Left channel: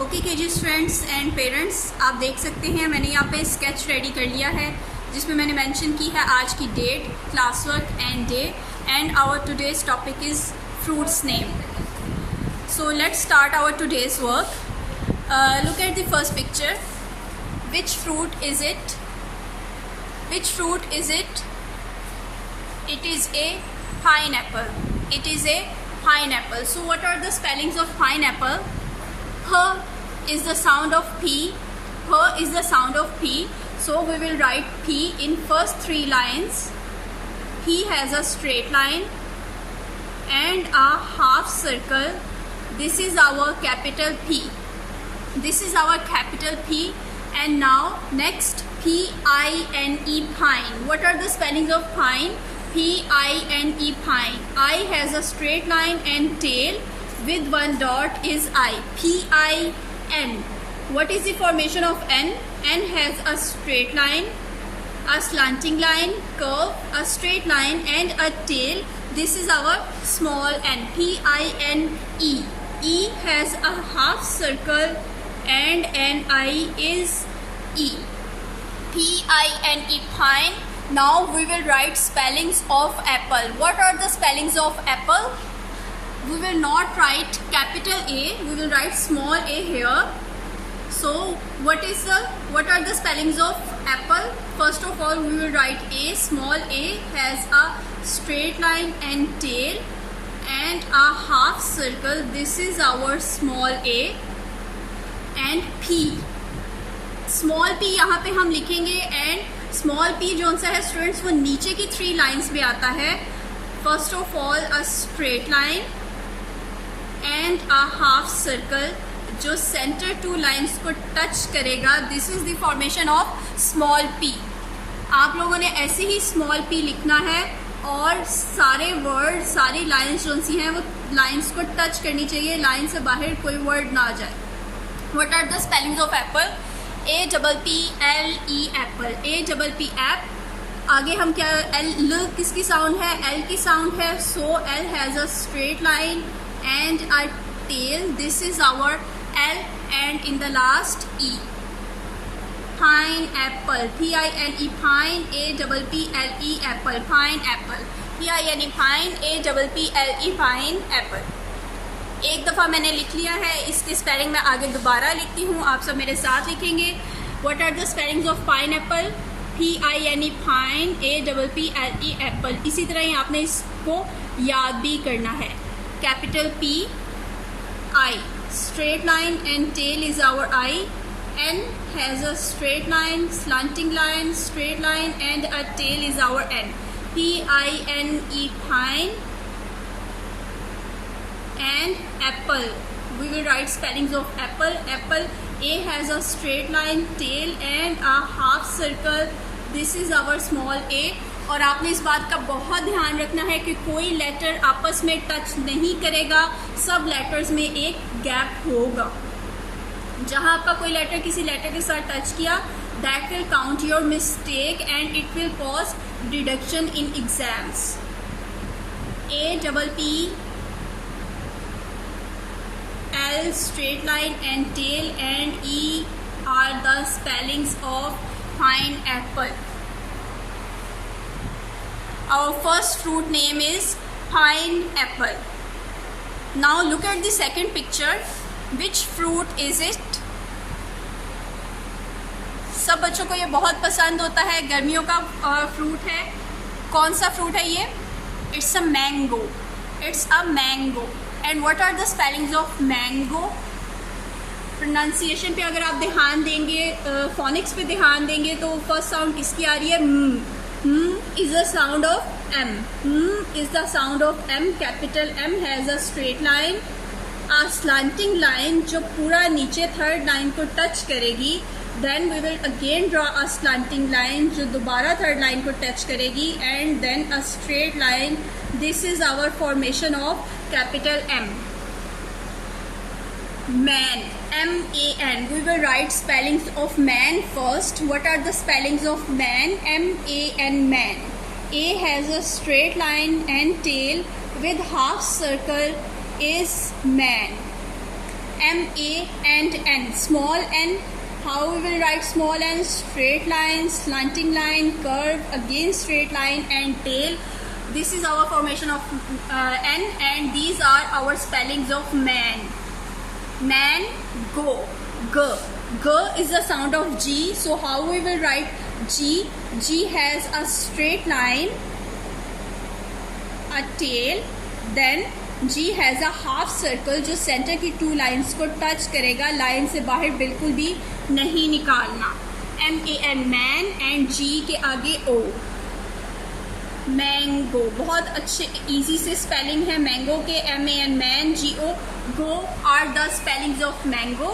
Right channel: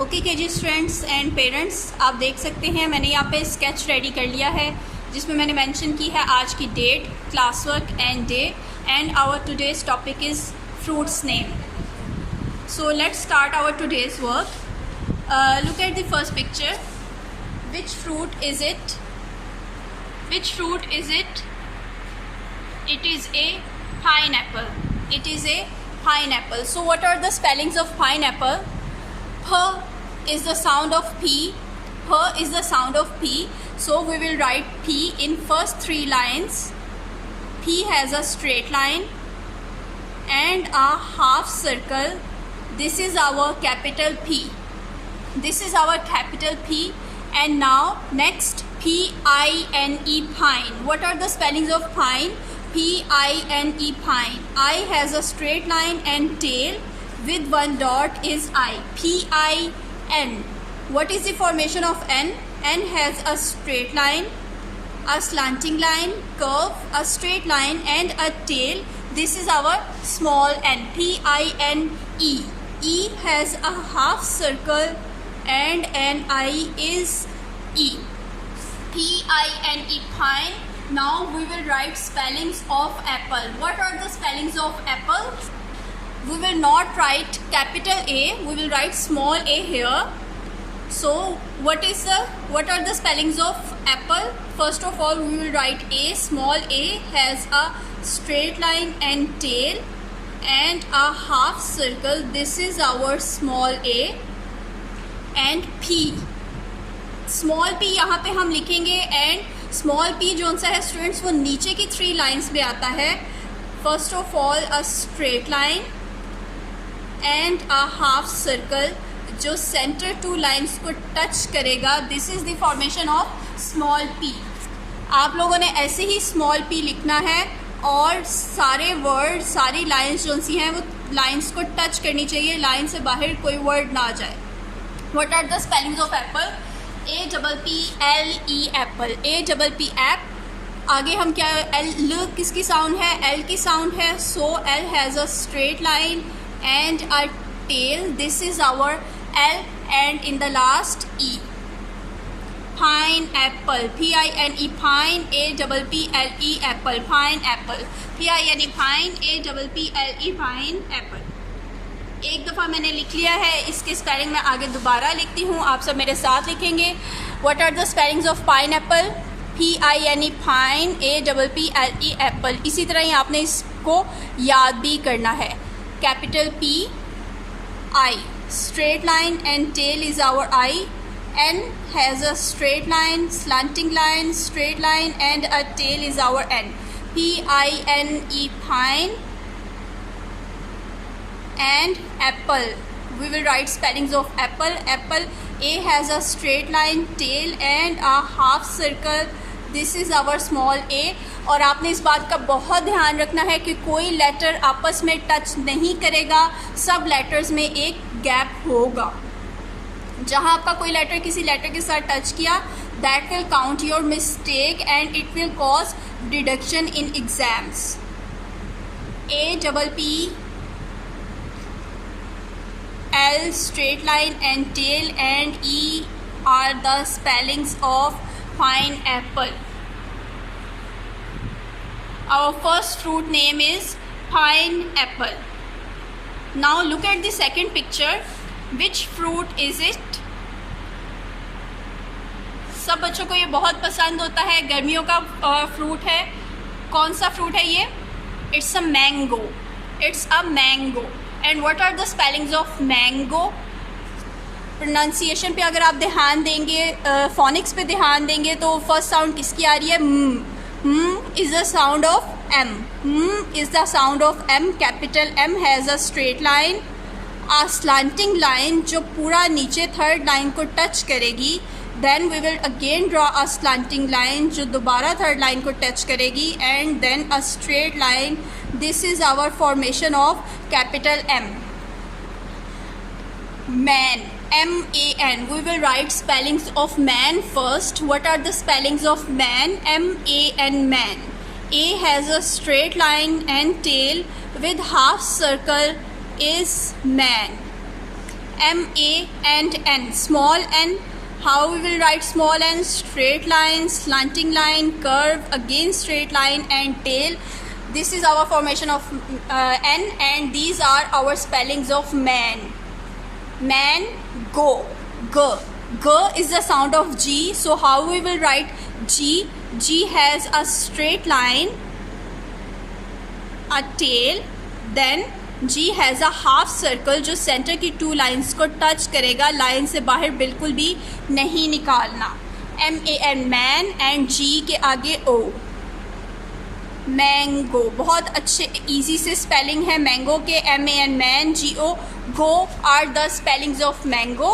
Okay KG students and parents, आप देख सकते हैं मैंने यहाँ पे स्केच रेडी कर लिया है जिसमें मैंने मेंशन की है आज की date, class work and day, and our today's topic is fruits name. So let's start our today's work. Look at the first picture. Which fruit is it? Which fruit is it? It is a pineapple. It is a pineapple. So what are the spellings of pineapple? H is the sound of P. H is the sound of P. So we will write P in first three lines. P has a straight line and a half circle. This is our capital P. This is our capital P. And now next, P-I-N-E, pine. What are the spellings of pine? P-I-N-E, pine. I has a straight line and tail with one dot is I. P-I-N. What is the formation of N? N has a straight line, a slanting line, curve, a straight line and a tail. This is our small n. P-I-N-E. E has a half circle and N-I is E. P-I-N-E, pine. Now we will write spellings of apple. What are the spellings of apple? We will not write capital A, we will write small a here. So what are the spellings of apple? First of all, we will write A. Small a has a straight line and tail and a half circle. This is our small a. And P. Small P यहाँ पे हम लिखेंगे and small P जो सा है students वो नीचे की थ्री लाइंस में आता है. First of all a straight line and a half circle जो सेंटर टू लाइंस को टच करेगा. This is the formation of small P. आप लोगों ने ऐसे ही स्मॉल P लिखना है और सारे वर्ड सारी लाइंस जो सी हैं वो लाइंस को टच करनी चाहिए. लाइन से बाहर कोई वर्ड ना आ जाए. What are the spellings of apple? A-P-P-L-E, apple. A-P-P, app. आगे हम क्या L किसकी साउंड है? L की साउंड है. So L has a straight line and a tail. This is our L and in the last E. Pineapple. P-I-N-E, pine. A-P-P-L-E, apple. Pineapple. P-I-N-E, pine. A-P-P-L-E, pine, apple. एक दफ़ा मैंने लिख लिया है, इसके spelling मैं आगे दोबारा लिखती हूँ, आप सब मेरे साथ लिखेंगे. What are the spellings of pineapple? P-I-N-E, pine. A-P-P-L-E, apple. इसी तरह ही आपने इसको याद भी करना है. Capital P, I, straight line and tail is our I. N has a straight line, slanting line, straight line and a tail is our N. P-I-N-E, pine. And apple. We will write spellings of apple. Apple. A has a straight line, tail and a half circle. This is our small a. और आपने इस बात का बहुत ध्यान रखना है कि कोई लेटर आपस में टच नहीं करेगा. सब लेटर्स में एक गैप होगा. जहाँ आपका कोई लेटर किसी लेटर के साथ टच किया, that will count your mistake and it will cause deduction in exams. A-P-P L, straight line and tail and E are the spellings of pineapple. Our first fruit name is pineapple. Now look at the second picture. Which fruit is it? सब बच्चों को ये बहुत पसंद होता है, गर्मियों का फ्रूट है. कौन सा फ्रूट है ये? It's a mango. It's a mango. And what are the spellings of mango? Pronunciation पे अगर आप ध्यान देंगे, फोनिक्स पे ध्यान देंगे तो फर्स्ट साउंड किसकी आ रही है? Is the sound of M. Is the sound of M. Capital M has a straight line, a slanting line जो पूरा नीचे थर्ड लाइन को टच करेगी. Then we will again draw a slanting line जो दोबारा थर्ड लाइन को touch करेगी and then a straight line. This is our formation of capital M. Man. M-A-N. We will write spellings of man first. What are the spellings of man? M-A-N, man. A has a straight line and tail with half circle is man. MA and N. Small n, how we will write small n? Straight line, slanting line, curve, again straight line, and tail. This is our formation of N, and these are our spellings of man. Man, go, G. G is the sound of G, so how we will write G? G has a straight line, a tail, then G has a half circle जो centre की two lines को touch करेगा, line से बाहर बिल्कुल भी नहीं निकालना. MAN मैन एंड G के आगे O. मैंगो, बहुत अच्छे इजी से स्पेलिंग है मैंगो के. MAN man, GO go are the spellings of mango.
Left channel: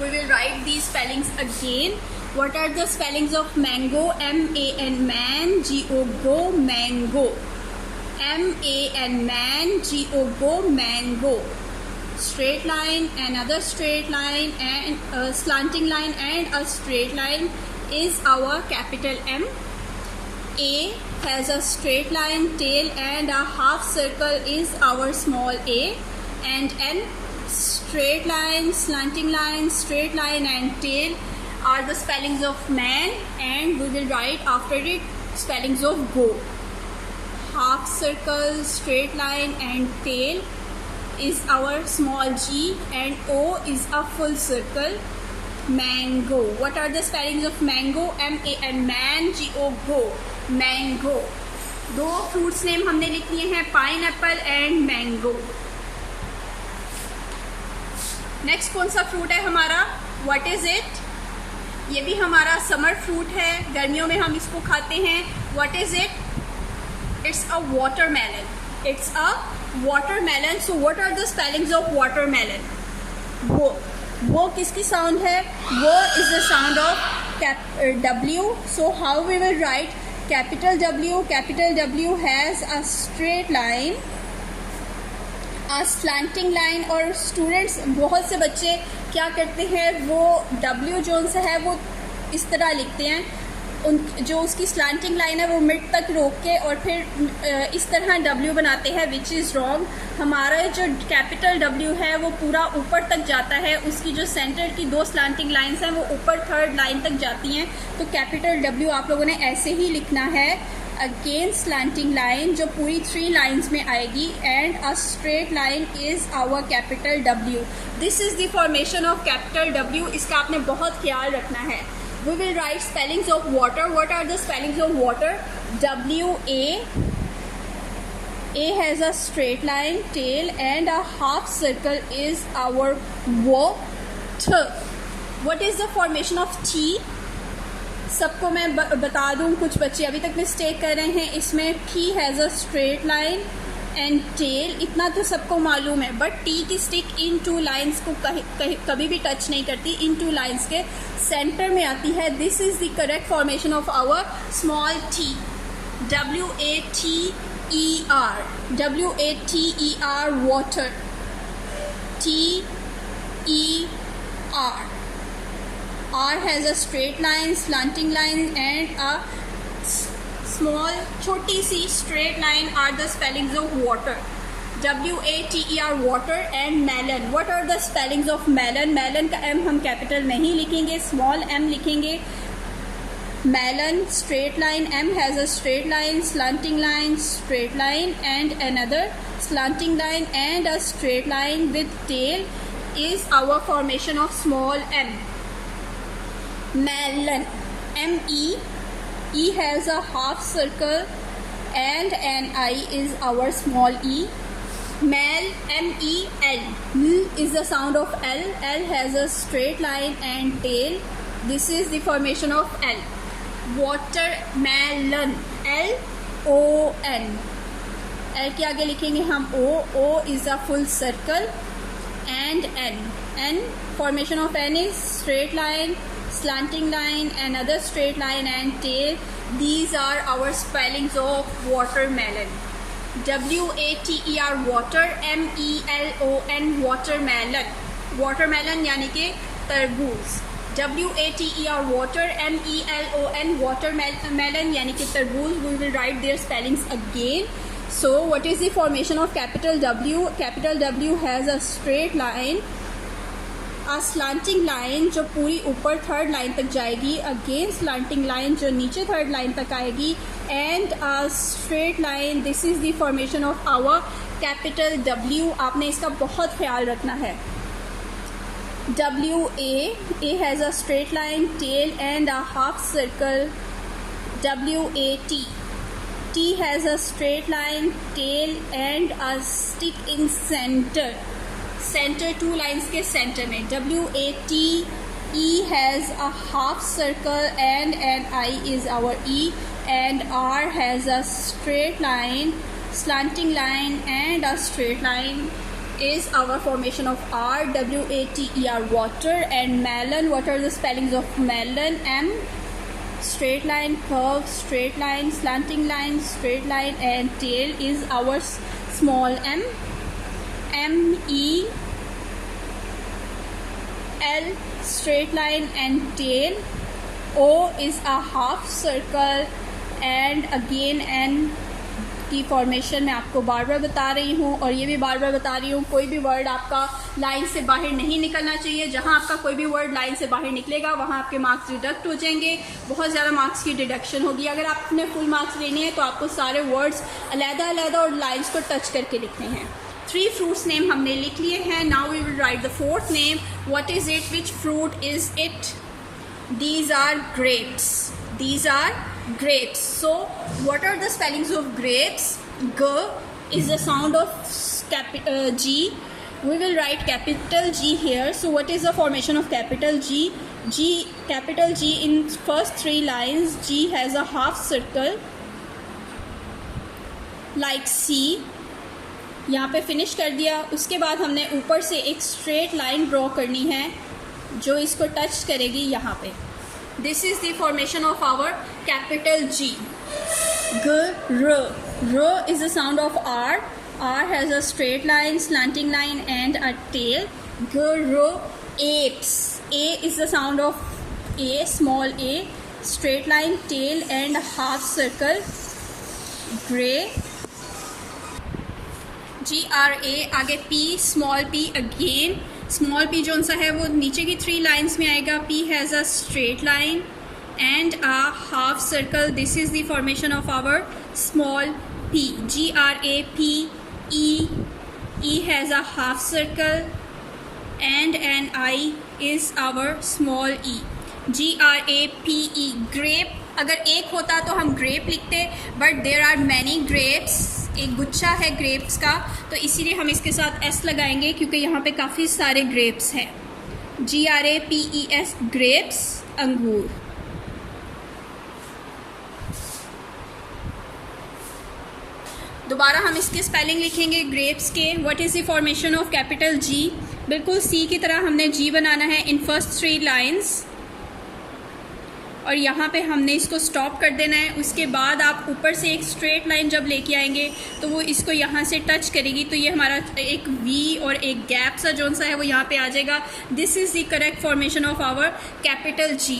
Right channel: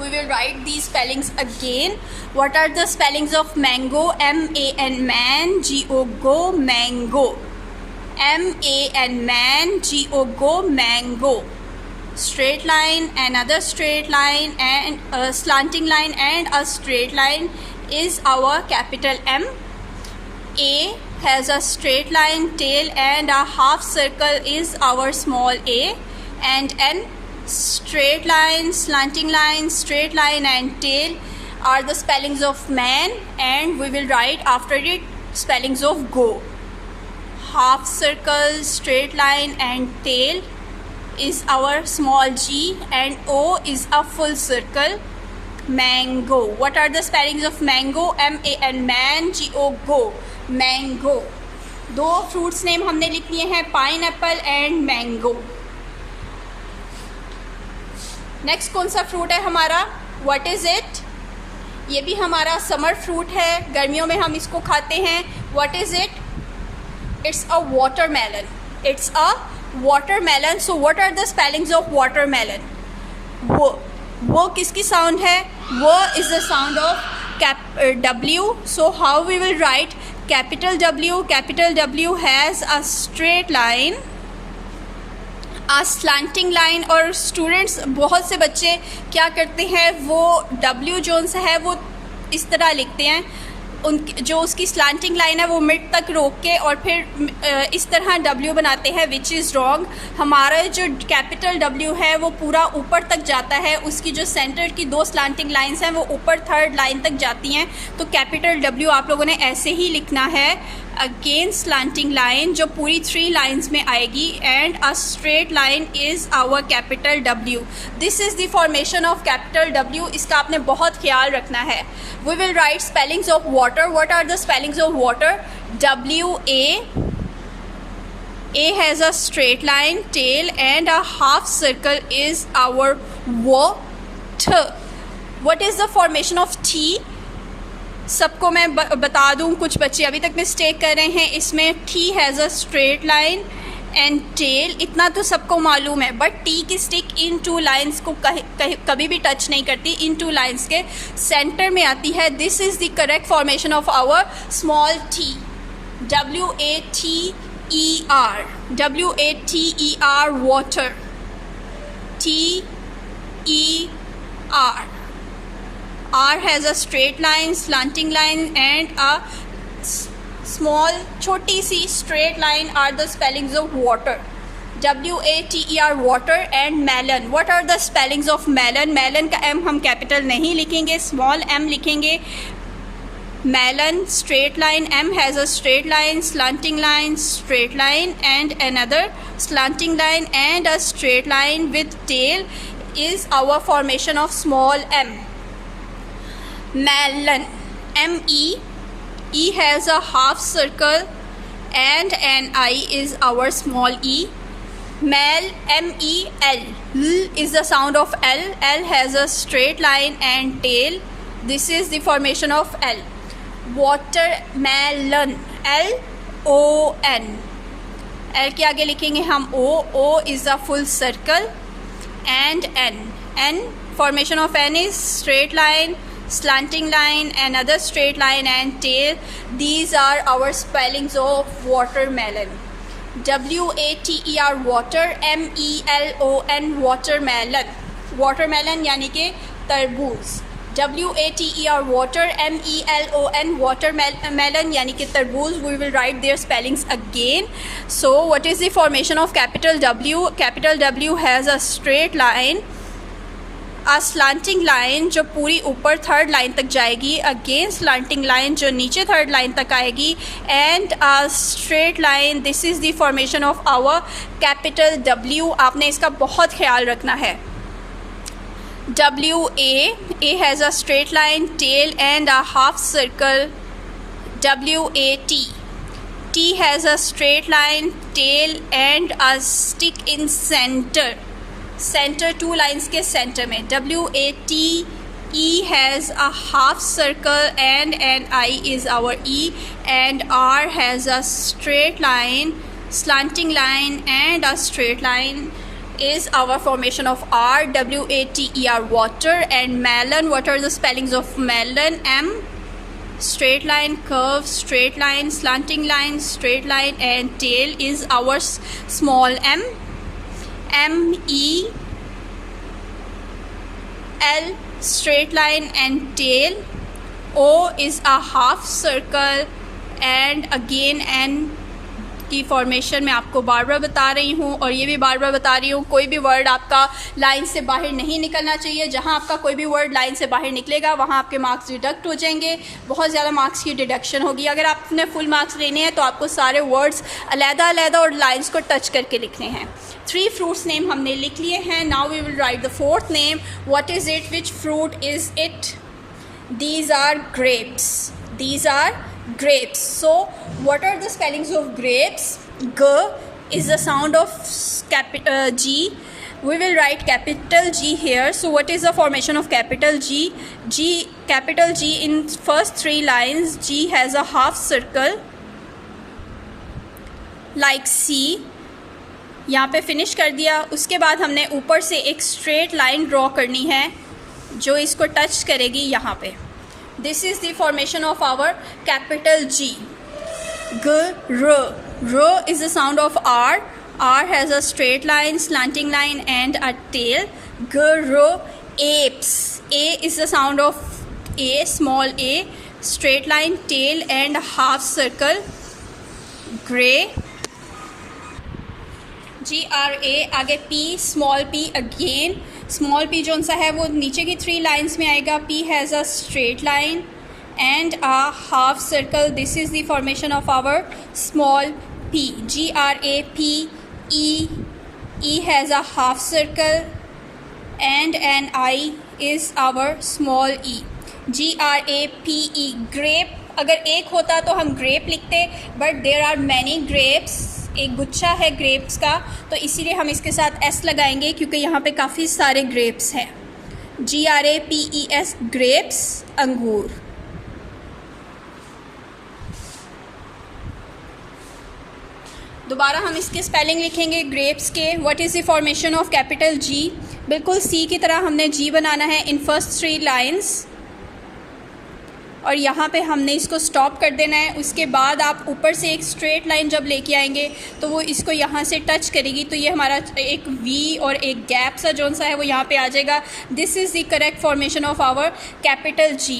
We will write these spellings again. What are the spellings of mango? MAN man, GO go, mango. MAN man, GO go, mango. Straight line, another straight line, and a slanting line and a straight line is our capital M. A has a straight line, tail, and a half circle is our small a. And N, straight line, slanting line, straight line, and tail are the spellings of man, and we will write after it spellings of go. Half circle, straight line, and tail is our small g, and O is a full circle. Mango. What are the spellings of mango? MAN man, GO go, mango. दो fruits name हमने लिख लिए हैं, pineapple and mango. Next कौन सा fruit है हमारा? What is it? ये भी हमारा समर फ्रूट है, गर्मियों में हम इसको खाते हैं. What is it? It's a watermelon. It's a watermelon. So what are the spellings of watermelon? वो किसकी साउंड है? वो is the sound of W. So how we will write capital W? Capital W has a straight line, a slanting line. और students, बहुत से बच्चे क्या करते हैं, वो W जोन से है वो इस तरह लिखते हैं, उन जो उसकी स्लांटिंग लाइन है वो मिड तक रोक के और फिर इस तरह W बनाते हैं, विच इज़ रॉन्ग. हमारा जो कैपिटल W है वो पूरा ऊपर तक जाता है, उसकी जो सेंटर की दो स्लांटिंग लाइंस हैं वो ऊपर थर्ड लाइन तक जाती हैं. तो कैपिटल W आप लोगों ने ऐसे ही लिखना है, अगेन स्लांटिंग लाइन जो पूरी 3 लाइन्स में आएगी, and a straight line is our capital W. This is the formation of capital W. इसका आपने बहुत ख्याल रखना है. We will write spellings of water. What are the spellings of water? WA. A has a straight line, tail, and a half circle is our water. What is the formation of T? सबको मैं बता दूं, कुछ बच्चे अभी तक mistake कर रहे हैं इसमें. T has a straight line and tail, इतना तो सबको मालूम है, बट टी की स्टिक इन 2 लाइन्स को कभी भी टच नहीं करती, इन 2 लाइन्स के सेंटर में आती है. This is the correct formation of our small T. WATER. WATER water. TER. R has a straight line, slanting line, and a small छोटी सी straight line are the spellings of water. WATER water. and melon. What are the spellings of melon? melon का M हम capital नहीं लिखेंगे, small m लिखेंगे. melon, straight line. M has a straight line, slanting line, straight line, and another slanting line and a straight line with tail is our formation of small m. melon. ME. E has a half circle and an I is our small e. Mel, MEL. L is the sound of L. L has a straight line and tail. This is the formation of L. Watermelon. LON. L के आगे लिखेंगे हम O. O is a full circle and N. N, formation of N is straight line, slanting line, another straight line, and tail. These are our spellings of watermelon. WATER water. MELON watermelon. watermelon यानी कि तरबूज. WATER water, MELON watermelon यानी कि तरबूज. We will write their spellings again. So what is the formation of capital W? Capital W has a straight line, a slanting line जो पूरी ऊपर third line तक जाएगी, अगेन slanting line जो नीचे थर्ड लाइन तक आएगी, and a straight line. This is the formation of our capital W. आपने इसका बहुत ख्याल रखना है. A has a straight line, tail and a half circle. WAT. T has a straight line, tail and a stick in center. Center, two lines के center में. WAT. E has a half circle and an I is our E, and R has a straight line, slanting line and a straight line is our formation of R. WATER water. And melon, what are the spellings of melon? M, straight line, curve, straight line, slanting line, straight line, and tail is our small m. MEL, straight line and tail. O is a half circle, and again N की formation मैं आपको बार बार बता रही हूँ, और ये भी बार बार बता रही हूँ, कोई भी वर्ड आपका लाइन से बाहर नहीं निकलना चाहिए. जहाँ आपका कोई भी वर्ड लाइन से बाहर निकलेगा वहाँ आपके मार्क्स डिडक्ट हो जाएंगे, बहुत ज़्यादा मार्क्स की डिडक्शन होगी. अगर आपने फुल मार्क्स लेने हैं तो आपको सारे वर्ड्स अलग-अलग और लाइन्स को टच करके लिखने हैं. 3 fruits नेम हमने लिख लिए हैं. Now we will write the 4th name. What is it? Which fruit is it? These are grapes. These are grapes. So what are the spellings of grapes? G is the sound of G. We will write capital G here. So what is the formation of capital G? Capital G in first 3 lines. G has a half circle like C. यहाँ पे finish कर दिया. उसके बाद हमने ऊपर से एक स्ट्रेट लाइन ड्रॉ करनी है जो इसको टच करेगी यहाँ पे. This is the formation of our capital G. R is the sound of R. R has a straight line, slanting line and a tail. Apes. A is the sound of A, small a, straight line, tail and half circle. Gray. GRA. आगे P, small p again. Small p जो सा है वो नीचे की 3 lines में आएगा. P has a straight line and a half circle. This is the formation of our small p. GRAP. E has a half circle and an I is our small e. GRAPE. grape. अगर एक होता तो हम grape लिखते, but there are many grapes. एक गुच्छा है grapes का, तो इसीलिए हम इसके साथ S लगाएंगे क्योंकि यहाँ पे काफ़ी सारे ग्रेप्स हैं. GRAPES. ग्रेप्स, अंगूर. दोबारा हम इसके स्पेलिंग लिखेंगे ग्रेप्स के. What is the formation of capital G? बिल्कुल C की तरह हमने G बनाना है इन फर्स्ट 3 लाइन्स, और यहाँ पे हमने इसको स्टॉप कर देना है. उसके बाद आप ऊपर से एक स्ट्रेट लाइन जब लेके आएंगे तो वो इसको यहाँ से टच करेगी, तो ये हमारा एक V और एक गैप सा जोन सा है वो यहाँ पे आ जाएगा. This is the correct formation of our capital G.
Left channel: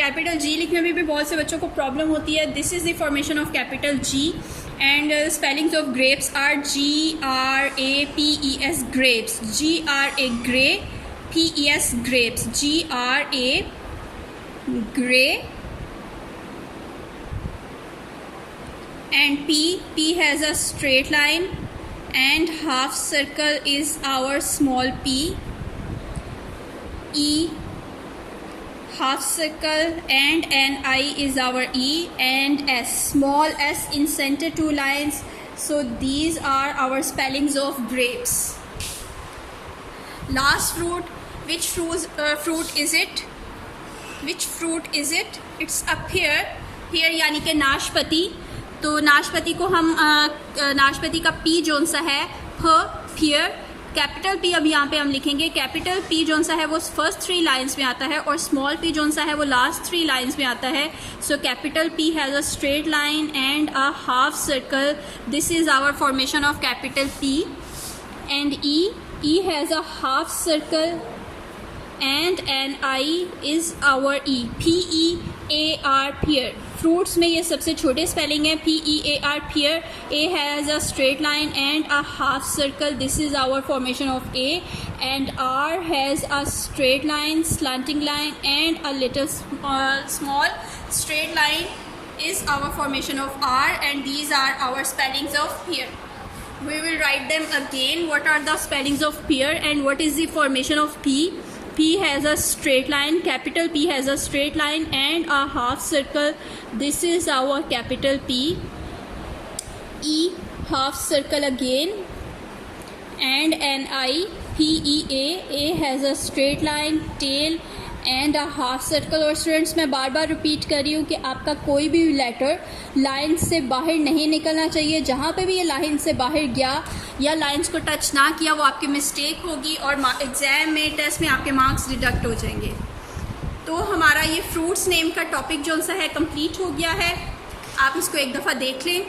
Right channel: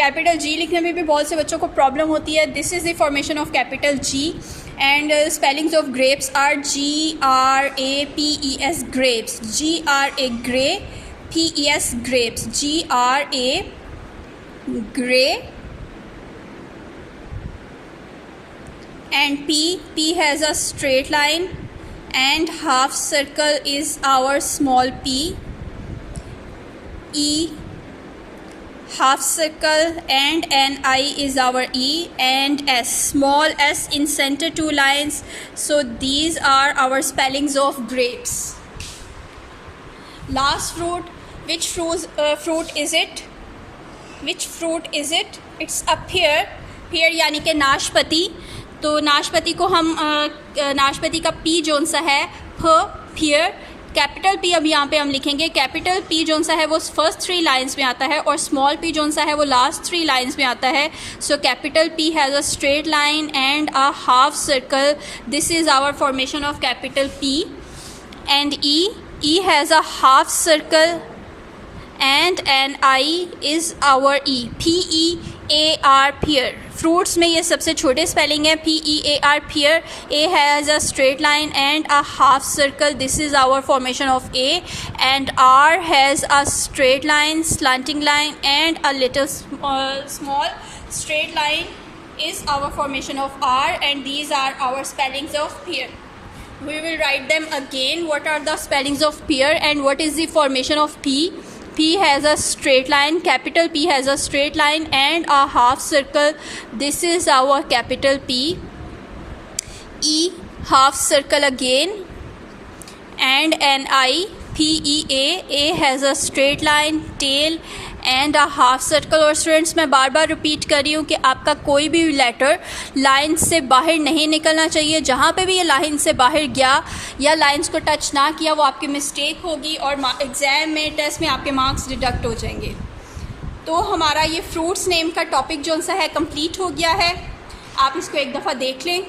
Capital G लिखने में भी बहुत से बच्चों को प्रॉब्लम होती है. This is the formation of capital G. And spellings of grapes are GRAPES. Grapes. GRA grey, PES grapes. GRA gray. And P has a straight line and half circle is our small p. E, half circle and an I is our E, and S, small s in center 2 lines. So these are our spellings of grapes. Last fruit. Which fruit is it? Which fruit is it? It's up here. Here यानी कि नाशपाती. तो नाशपाती को हम नाशपाती का P zone सा है फियर. कैपिटल P अब यहाँ पे हम लिखेंगे. कैपिटल P जोन सा है वो फर्स्ट 3 लाइन्स में आता है, और स्मॉल p जोन सा है वो लास्ट 3 लाइन्स में आता है. So capital P has a straight line and a half circle. This is our formation of capital P. And E has a half circle and Ni is our E. P-E-A-R, pear. Fruits में ये सबसे छोटे spelling है, P-E-A-R, pear. A has a straight line and a half circle. This is our formation of A. And R has a straight line, slanting line, and a little small straight line is our formation of R. And these are our spellings of pear. We will write them again. What are the spellings of pear and what is the formation of P? P has a straight line, capital P has a straight line and a half circle. This is our capital P. E, half circle again, and Ni, P-E-A. A has a straight line, tail and a half circle. और students मैं बार बार repeat कर रही हूँ कि आपका कोई भी letter line से बाहर नहीं निकलना चाहिए. जहाँ पे भी ये लाइन से बाहर गया या लाइंस को टच ना किया वो आपकी मिस्टेक होगी और एग्ज़ाम में टेस्ट में आपके मार्क्स डिडक्ट हो जाएंगे. तो हमारा ये फ्रूट्स नेम का टॉपिक जो सा है कंप्लीट हो गया है. आप इसको एक दफ़ा देख लें.